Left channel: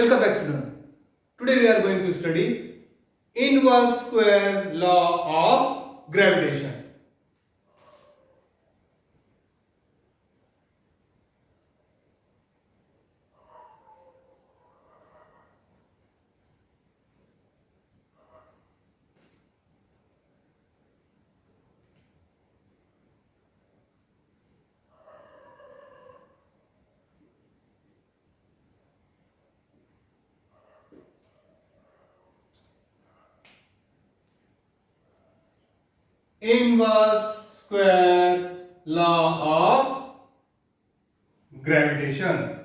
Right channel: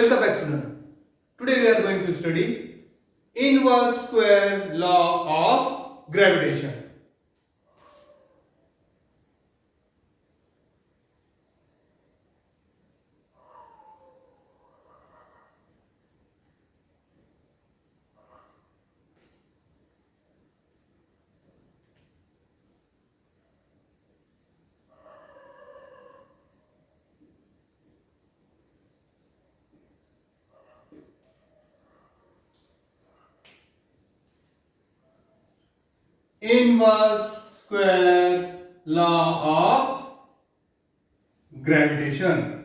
Welcome back, students. Today we are going to study inverse square law of gravitation. Inverse square law of gravitation.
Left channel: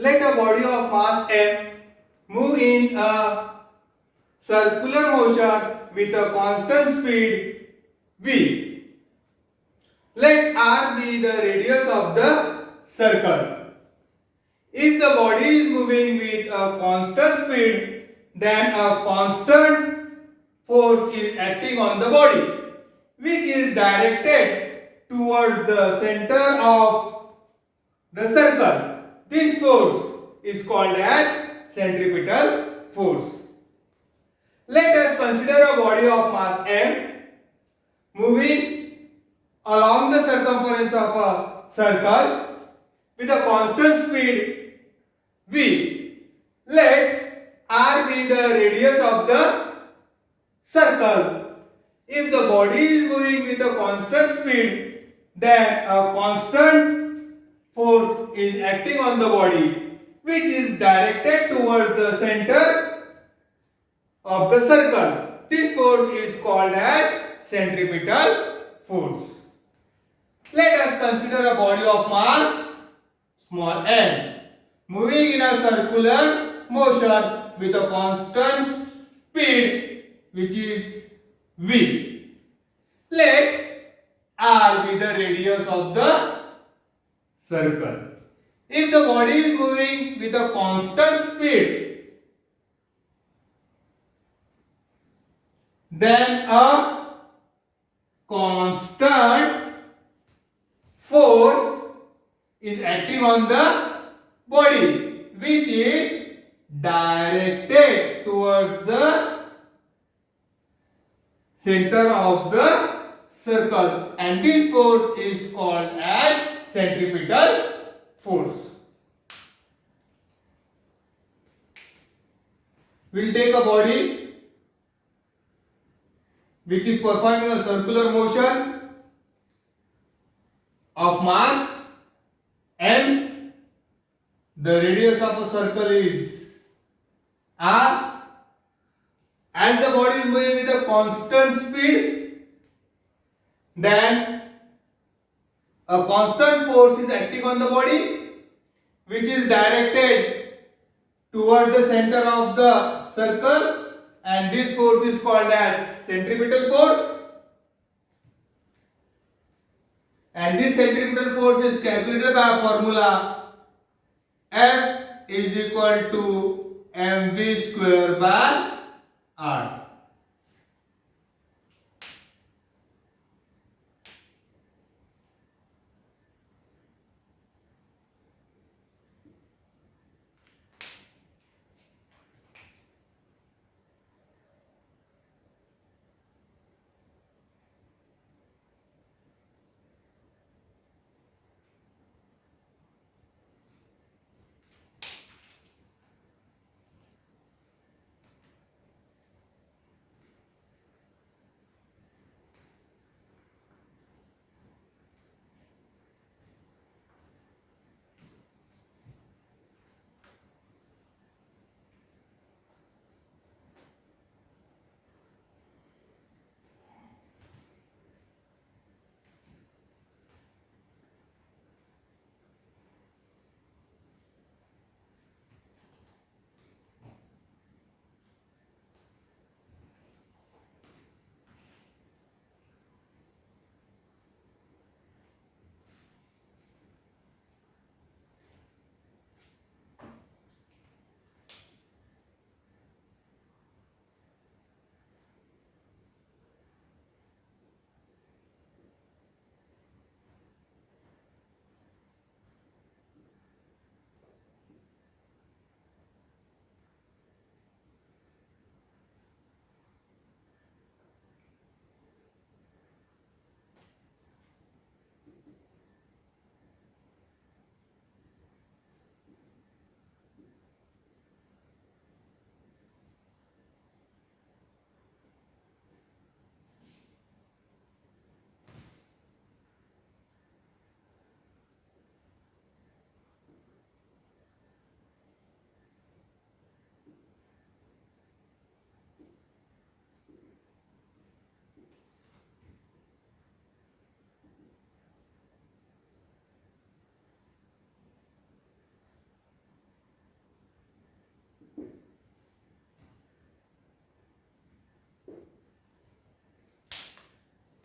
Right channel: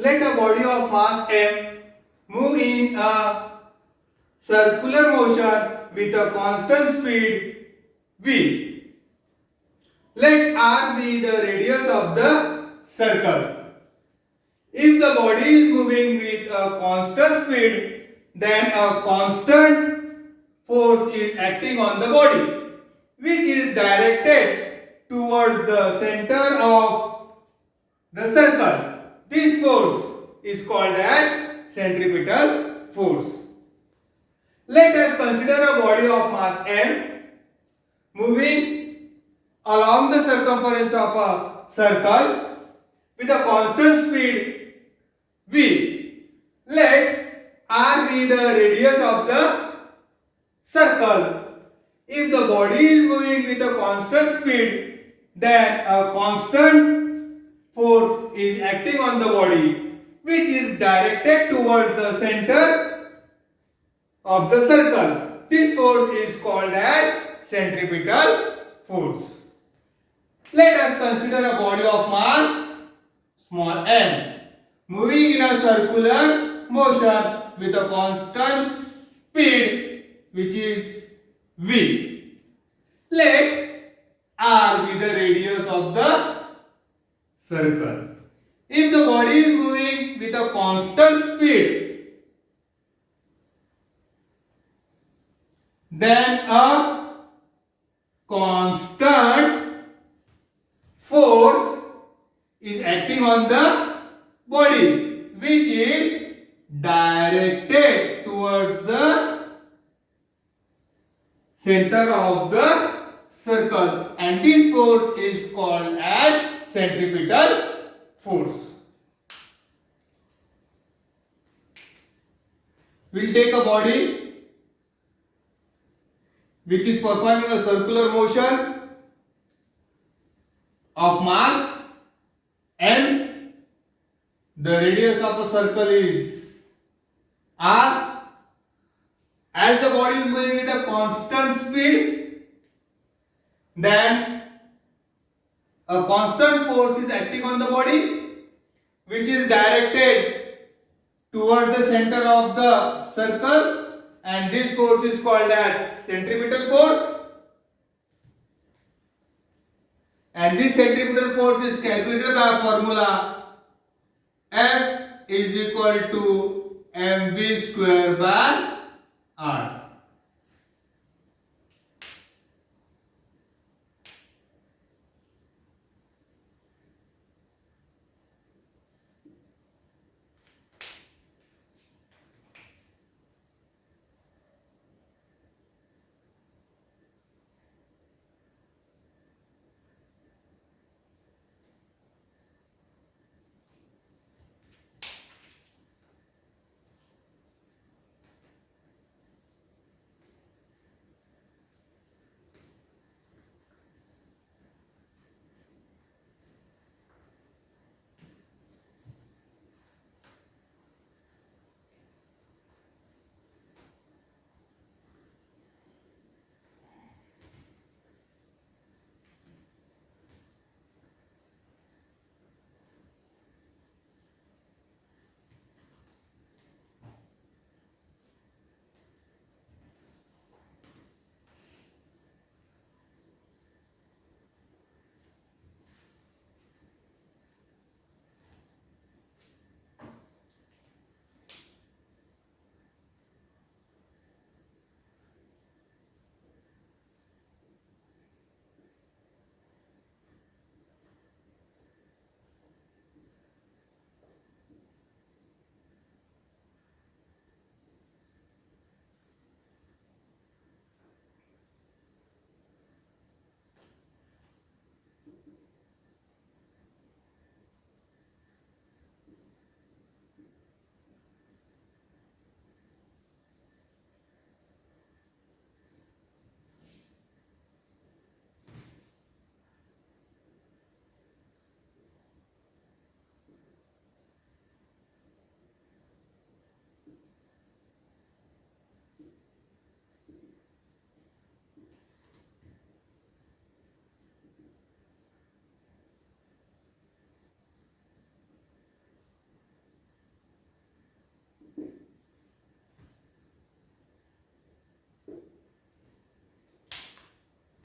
Let a body of mass m move in a circular motion with a constant speed v. Let r be the radius of the circle. If the body is moving with a constant speed, then a constant force is acting on the body, which is directed towards the center of the circle. This force is called as centripetal force. Let us consider a body of mass m moving along the circumference of a circle with a constant speed v. Let r be the radius of the circle. If the body is moving with a constant speed, then a constant force is acting on the body, which is directed towards the center of the circle. This force is called as centripetal force. Let us consider a body of mass small m moving in a circular motion with a constant speed, which is v. Let r be the radius of the circle. If the body is moving with a constant speed, then a constant force is acting on the body, which is directed towards the center of the circle, and this force is called as centripetal force. We'll take a body which is performing a circular motion of mass m. The radius of the circle is r. As the body is moving with a constant speed, then a constant force is acting on the body, which is directed towards the center of the circle, and this force is called as centripetal force. And this centripetal force is calculated by formula F is equal to mv square by r.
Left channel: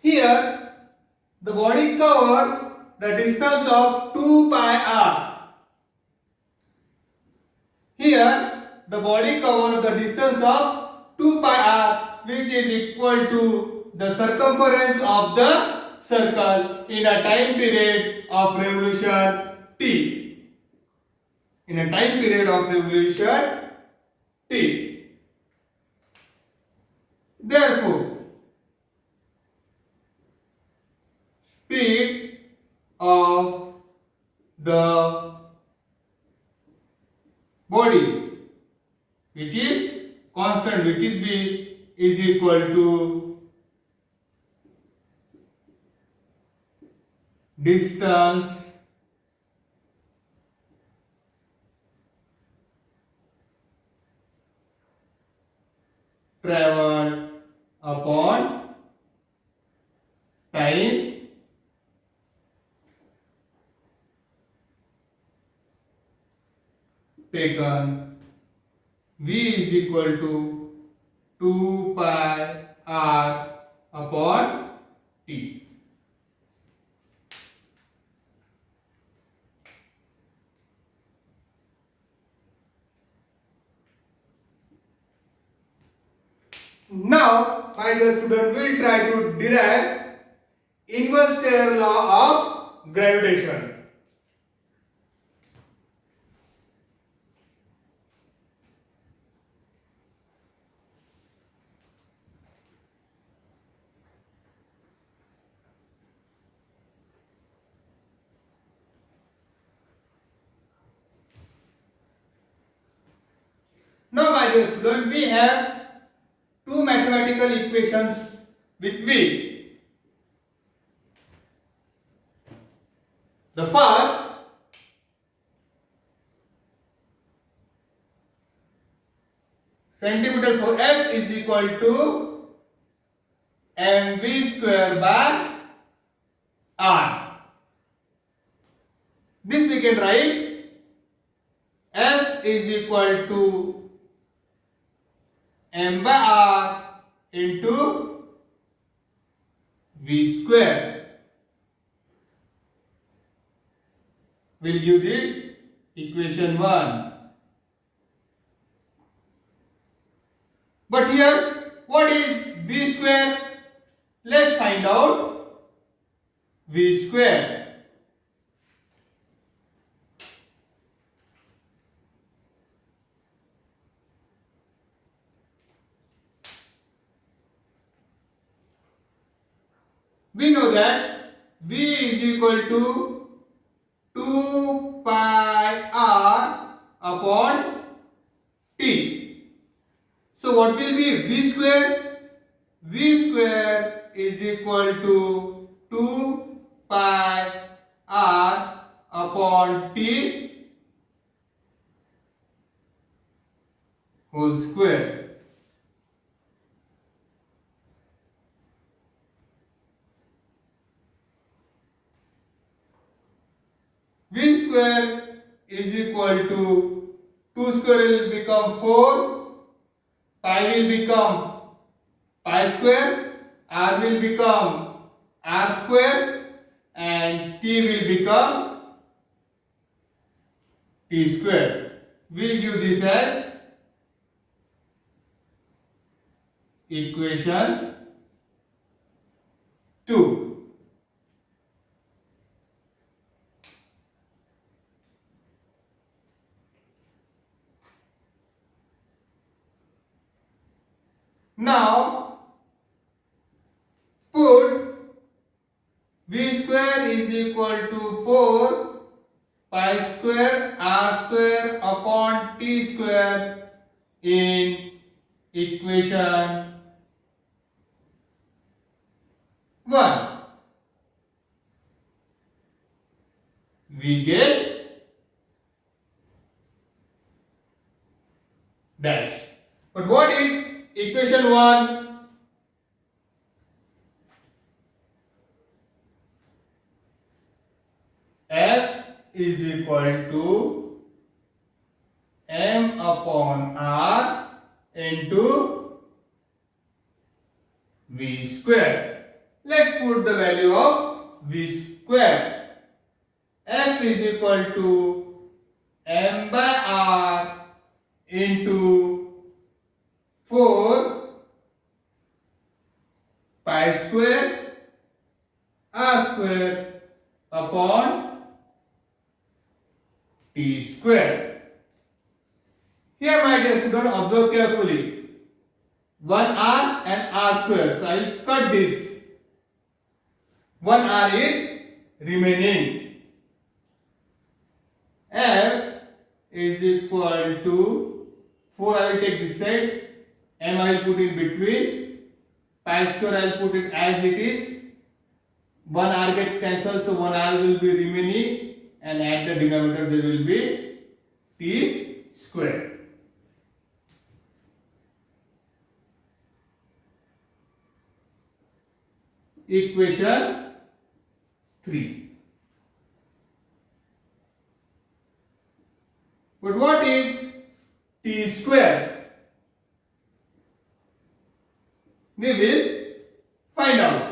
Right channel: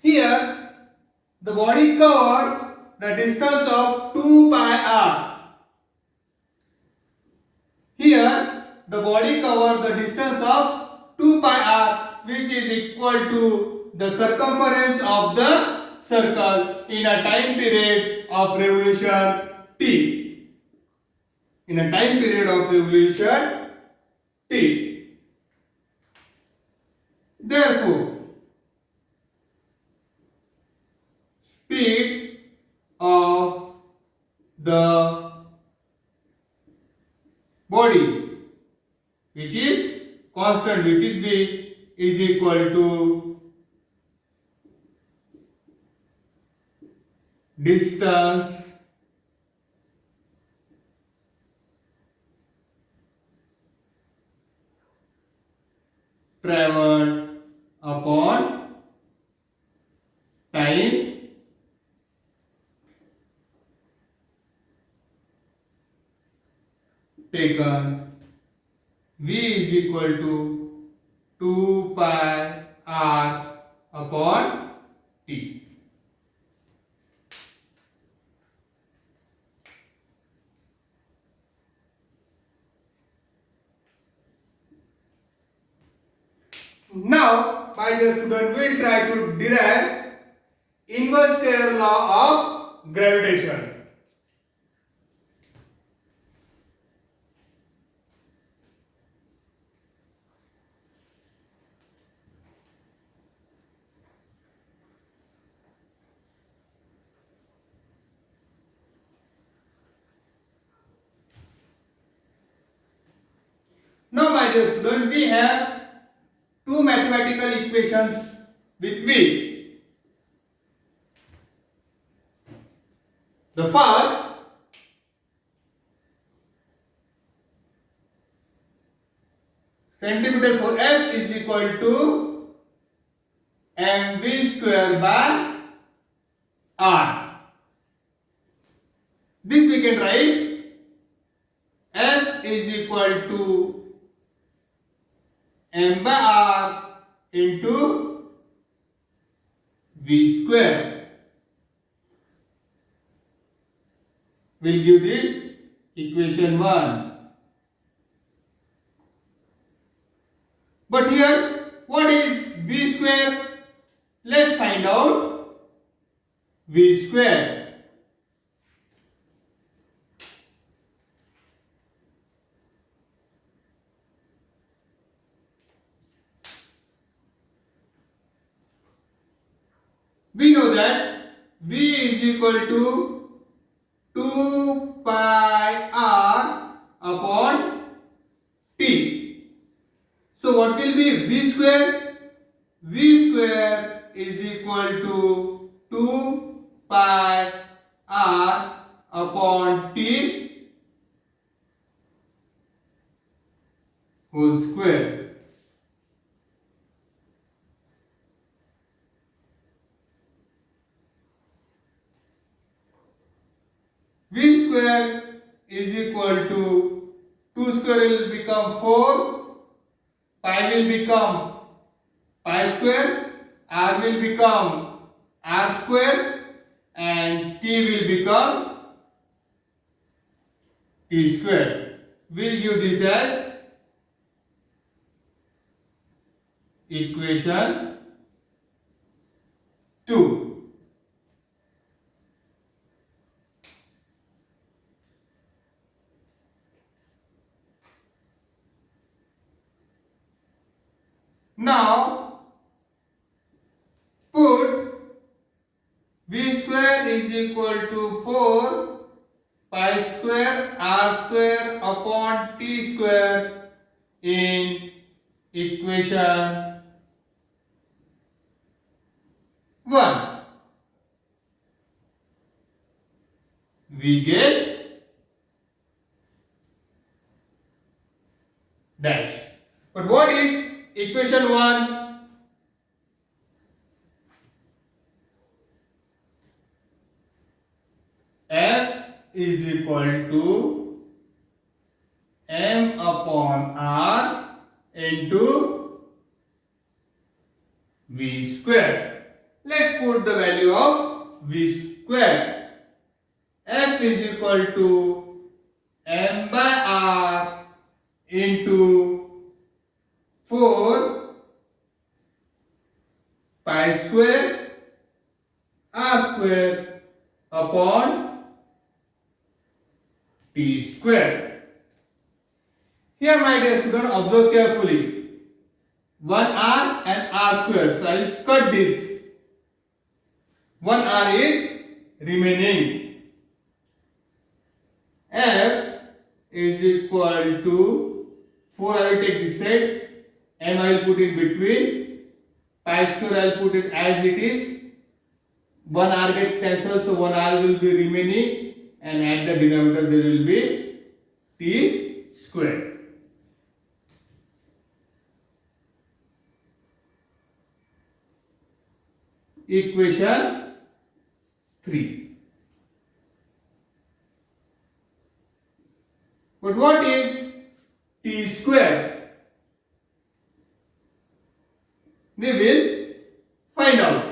Here, the body covers the distance of 2 pi r. Here, the body covers the distance of 2 pi r, which is equal to the circumference of the circle in a time period of revolution t. In a time period of revolution t. Therefore, speed of the body, which is constant which is v is equal to distance traveled upon time taken. V is equal to 2 pi r upon t. Now, my dear student, we will try to derive inverse square law of gravitation. Now, my dear student, we have two mathematical equations with V. The first, centimeter for F is equal to mv square by r. This we can write F is equal to m by r into v square. We'll give this equation 1. But here, what is v square? Let's find out v square. We know that v is equal to 2 pi r upon t. So what will be v square? V square is equal to 2 pi r upon t whole square. V square is equal to 2 square will become 4, pi will become pi square, r will become r square, and t will become t square. We'll give this as equation 2. Now, put v square is equal to 4 pi square r square upon t square in equation 1. We get dash. But what is equation 1? F is equal to m upon r into v square. Let's put the value of v square. F is equal to m by r into 4 pi square r square upon t square. Here, my dear student, observe carefully. 1r and r square. So I will cut this. 1r is remaining. F is equal to 4. I will take this side. m I will put in between, pi square I will put it as it is, 1 r get cancelled, so 1 r will be remaining, and at the denominator there will be t square. Equation 3. But what is t square? We will find out.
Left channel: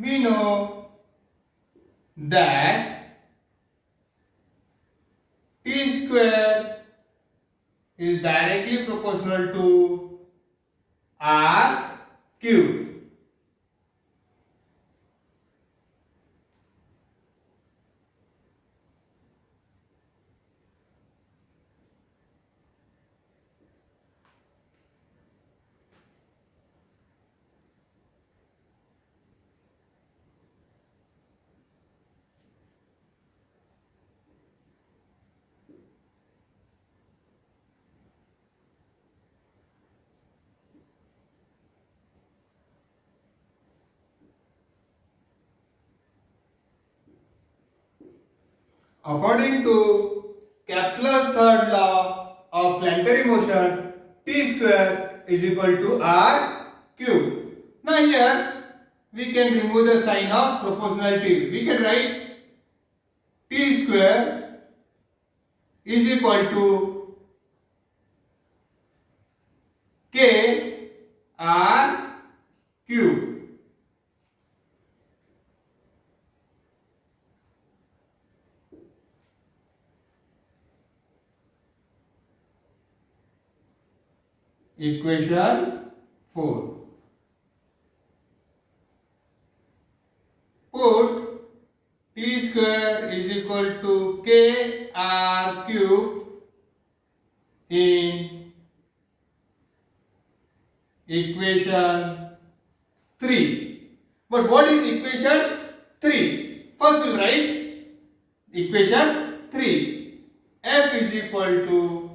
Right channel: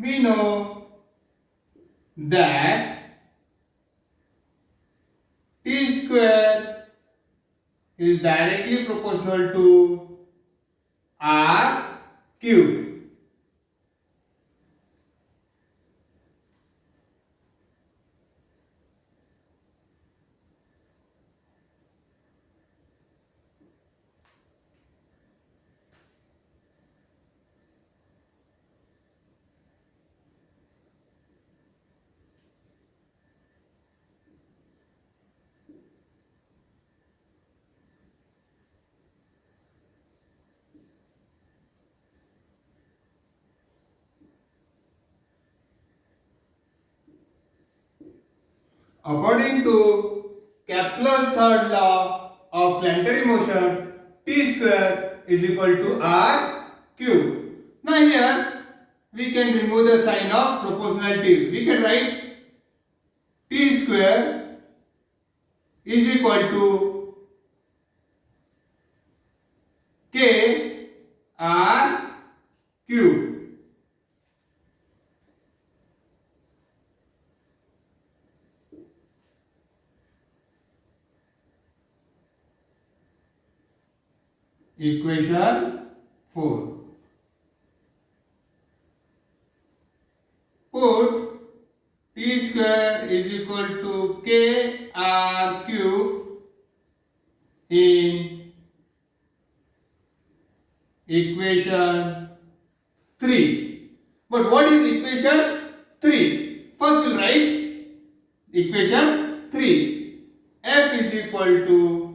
We know that t square is directly proportional to r cube. According to Kepler's third law of planetary motion, t square is equal to r cube. Now here we can remove the sign of proportionality. We can write t square is equal to k r cube. Equation 4. Put t square is equal to k r cube in equation 3. But what is equation 3? First we write equation 3. F is equal to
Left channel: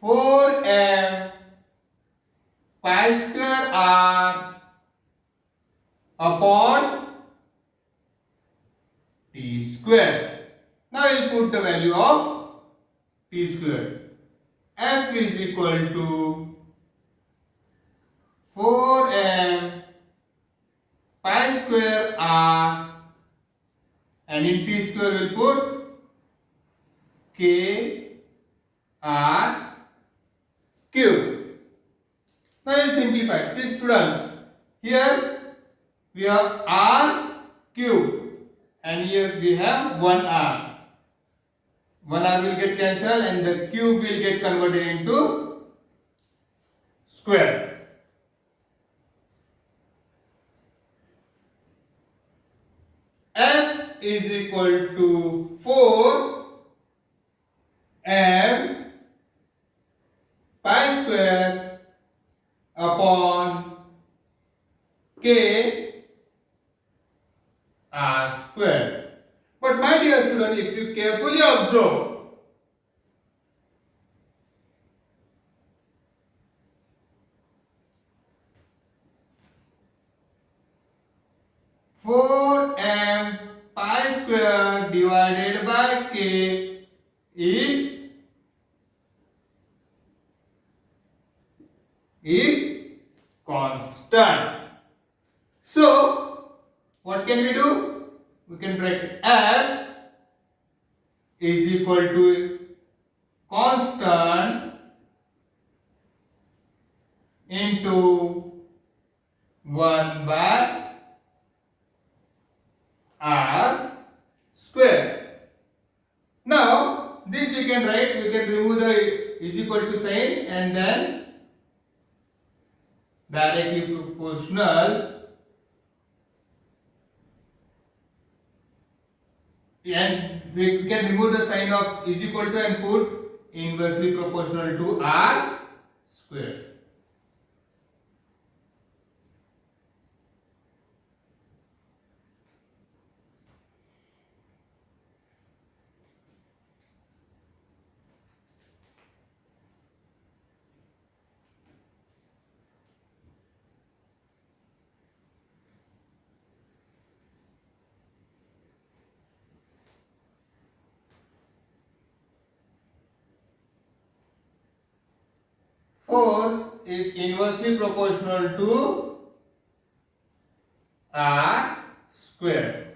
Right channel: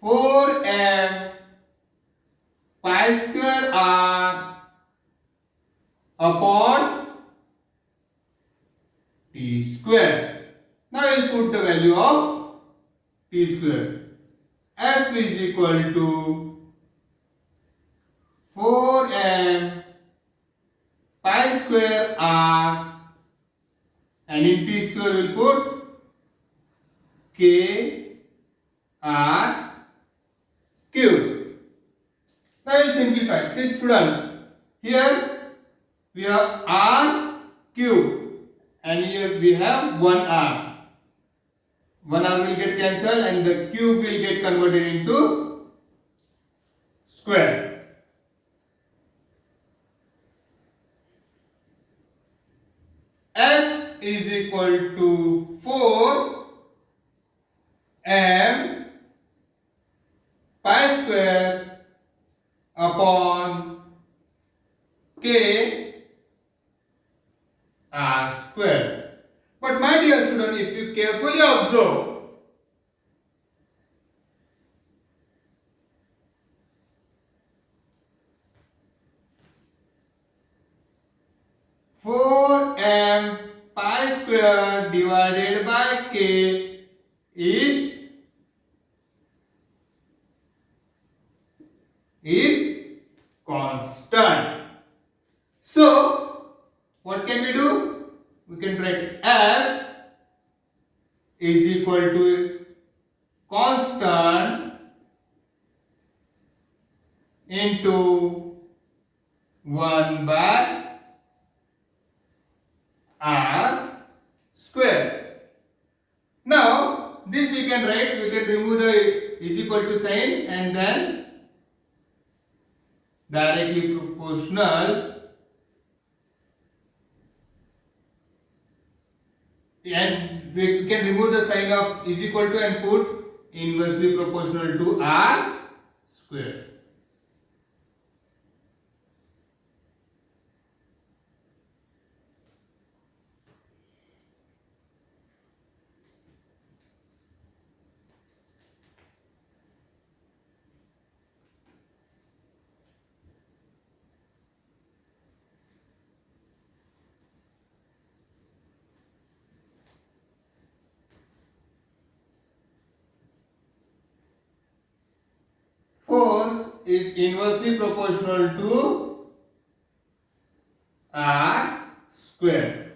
4m pi square r upon t square. Now I will put the value of t square. F is equal to 4m pi square r, and in t square we will put k r cube. Now I will simplify. See student, here we have r cube and here we have 1r. 1r will get cancelled and the cube will get converted into square. F is equal to 4m pi square upon k r square. But my dear student, if you carefully observe, m pi square divided by k is constant. So what can we do? We can write f is equal to constant into 1 by r square. Now this we can write, we can remove the is equal to sign and then directly proportional, and we can remove the sign of is equal to and put inversely proportional to r square. Force is inversely proportional to r square.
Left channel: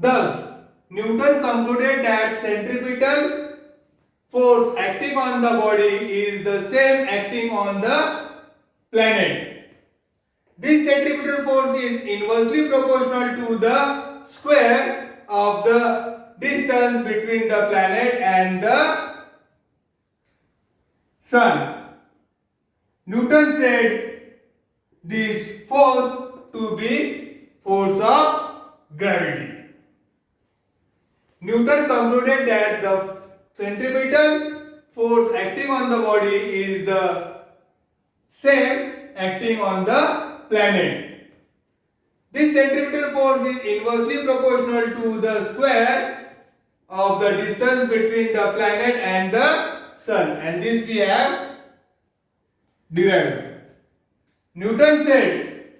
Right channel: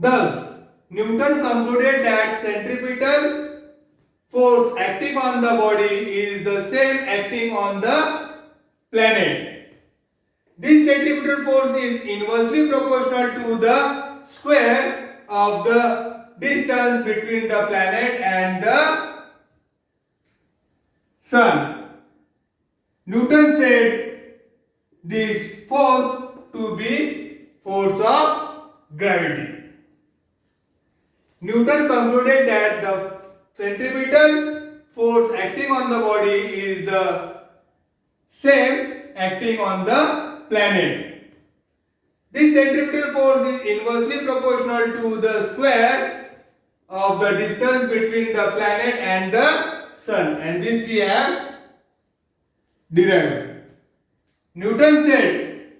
Thus, Newton concluded that centripetal force acting on the body is the same acting on the planet. This centripetal force is inversely proportional to the square of the distance between the planet and the sun. Newton said this force to be force of gravity. Newton concluded that the centripetal force acting on the body is the same acting on the planet. This centripetal force is inversely proportional to the square of the distance between the planet and the sun, and this we have derived. Newton said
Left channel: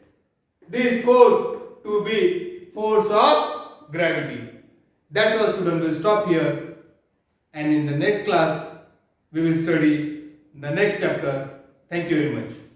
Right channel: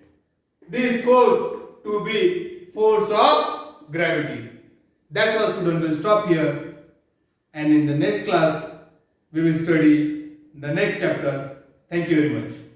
this force to be force of gravity. That's all, students. We'll stop here, and in the next class we will study the next chapter. Thank you very much.